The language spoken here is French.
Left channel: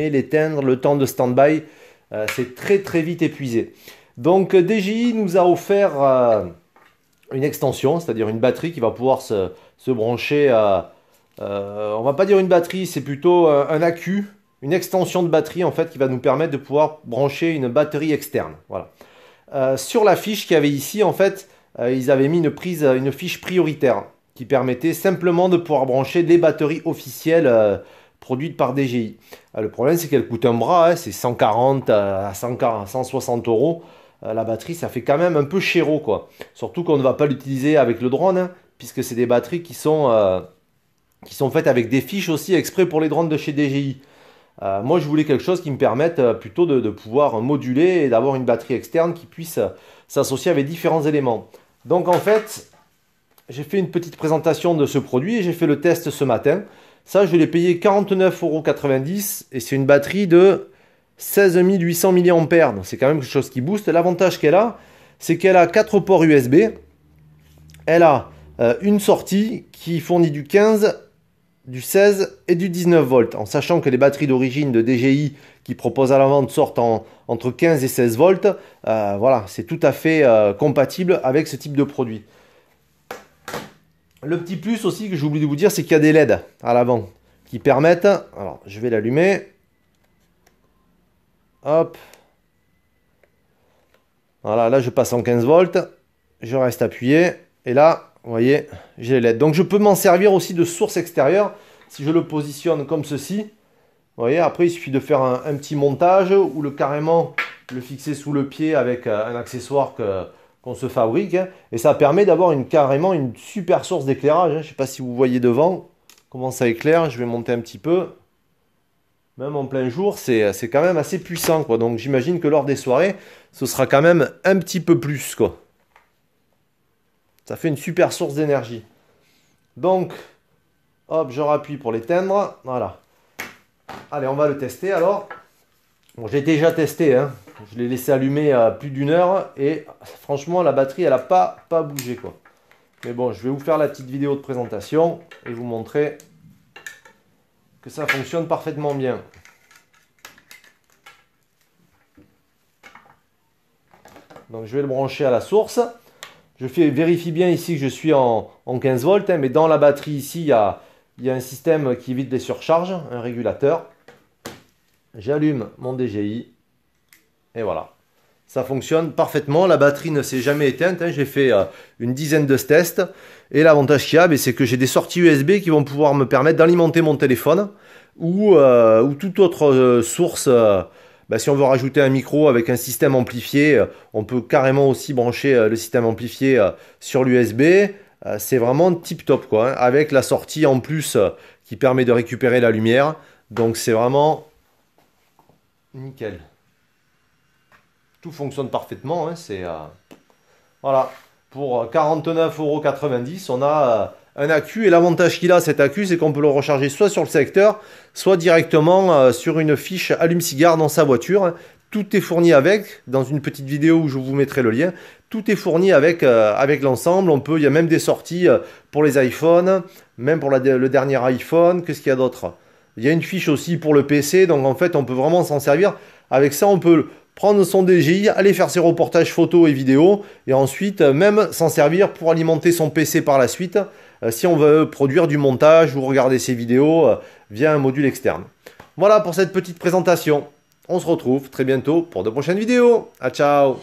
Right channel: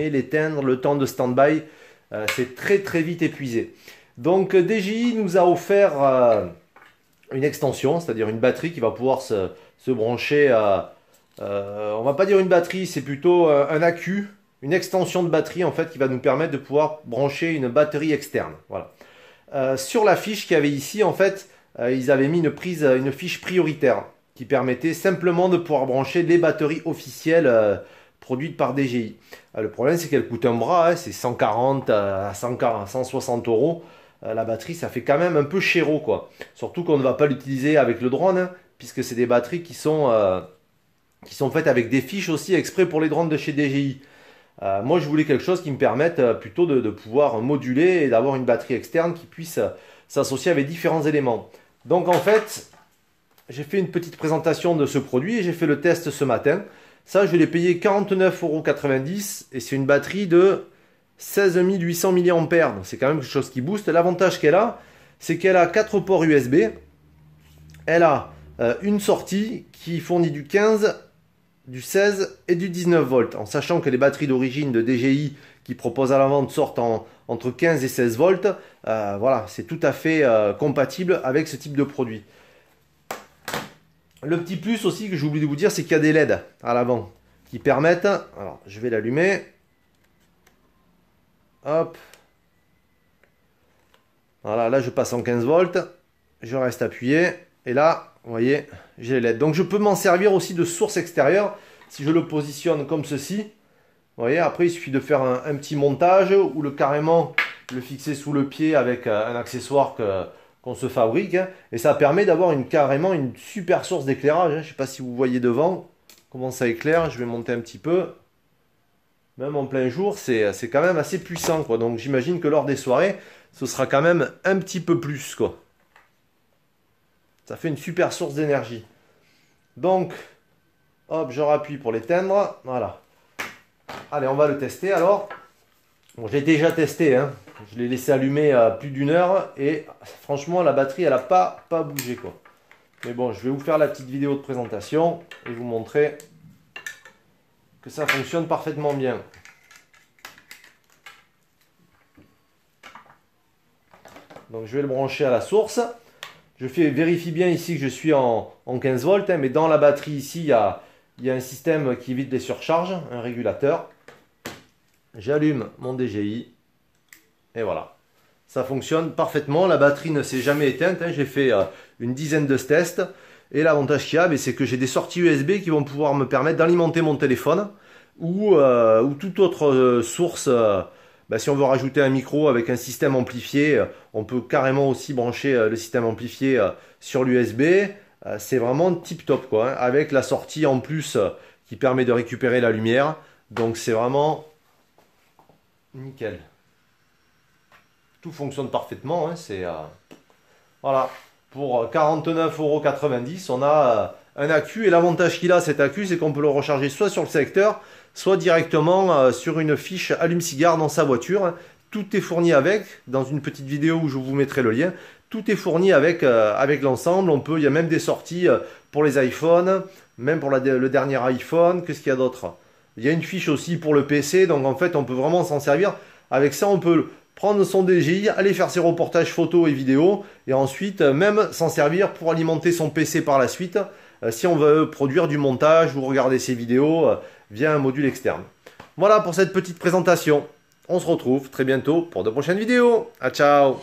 rallumer, l'éteindre, le temps de stand-by, c'est très vite épuisé. Donc DJI nous a offert une extension, c'est-à-dire une batterie qui va pouvoir se brancher à... on va pas dire une batterie, c'est plutôt un accu, une extension de batterie en fait qui va nous permettre de pouvoir brancher une batterie externe. Voilà. Sur la fiche qu'il y avait ici, en fait, ils avaient mis une fiche prioritaire qui permettait simplement de pouvoir brancher les batteries officielles produites par DJI. Le problème, c'est qu'elle coûte un bras, hein, c'est 140 à 160 euros. La batterie, ça fait quand même un peu chéro, quoi. Surtout qu'on ne va pas l'utiliser avec le drone, hein, puisque c'est des batteries qui sont faites avec des fiches aussi exprès pour les drones de chez DJI. Moi, je voulais quelque chose qui me permette plutôt de pouvoir moduler et d'avoir une batterie externe qui puisse s'associer avec différents éléments. Donc, en fait, j'ai fait une petite présentation de ce produit et j'ai fait le test ce matin. Ça, je l'ai payé 49,90 € et c'est une batterie de 16 800 mAh. Donc, c'est quand même quelque chose qui booste. L'avantage qu'elle a, c'est qu'elle a 4 ports USB. Elle a une sortie qui fournit du 15, du 16 et du 19 volts, en sachant que les batteries d'origine de DJI qui proposent à la vente sortent entre 15 et 16 volts. Voilà, c'est tout à fait compatible avec ce type de produit. Le petit plus aussi que j'ai oublié de vous dire, c'est qu'il y a des LED à l'avant qui permettent, alors je vais l'allumer, hop, voilà, là je passe en 15 volts, je reste appuyé, et là, vous voyez, j'ai les LED. Donc je peux m'en servir aussi de source extérieure, si je le positionne comme ceci, vous voyez, après il suffit de faire un petit montage, ou carrément le fixer sous le pied avec un accessoire qu'on se fabrique, hein, et ça permet d'avoir carrément une super source d'éclairage, hein. Je ne sais pas si vous voyez devant comment ça éclaire, je vais monter un petit peu, même en plein jour, c'est quand même assez puissant, quoi. Donc j'imagine que lors des soirées, ce sera quand même un petit peu plus, quoi. Ça fait une super source d'énergie. Donc, hop, je rappuie pour l'éteindre, voilà. Allez, on va le tester alors. Bon, j'ai déjà testé, hein. Je l'ai laissé allumer à plus d'1 heure et franchement la batterie elle n'a pas bougé, quoi. Mais bon, je vais vous faire la petite vidéo de présentation et vous montrer que ça fonctionne parfaitement bien. Donc je vais le brancher à la source. Je vérifie bien ici que je suis en 15 volts, hein, mais dans la batterie ici il y a un système qui évite les surcharges, un régulateur. J'allume mon DJI. Et voilà, ça fonctionne parfaitement, la batterie ne s'est jamais éteinte, hein. J'ai fait une dizaine de tests, et l'avantage qu'il y a, c'est que j'ai des sorties USB qui vont pouvoir me permettre d'alimenter mon téléphone, ou toute autre source. Si on veut rajouter un micro avec un système amplifié, on peut carrément aussi brancher le système amplifié sur l'USB, c'est vraiment tip top, quoi, hein, avec la sortie en plus qui permet de récupérer la lumière, donc c'est vraiment nickel. Tout fonctionne parfaitement, hein, voilà, pour 49,90 €, on a un accu, et l'avantage qu'il a cet accu, c'est qu'on peut le recharger soit sur le secteur, soit directement sur une fiche allume-cigare dans sa voiture. Tout est fourni avec, dans une petite vidéo où je vous mettrai le lien, tout est fourni avec l'ensemble. Il y a même des sorties pour les iPhones, même pour le dernier iPhone. Qu'est-ce qu'il y a d'autre? Il y a une fiche aussi pour le PC, donc en fait on peut vraiment s'en servir. Avec ça on peut prendre son DJI, aller faire ses reportages photos et vidéos, et ensuite même s'en servir pour alimenter son PC par la suite, si on veut produire du montage ou regarder ses vidéos via un module externe. Voilà pour cette petite présentation. On se retrouve très bientôt pour de prochaines vidéos. Ah, ciao!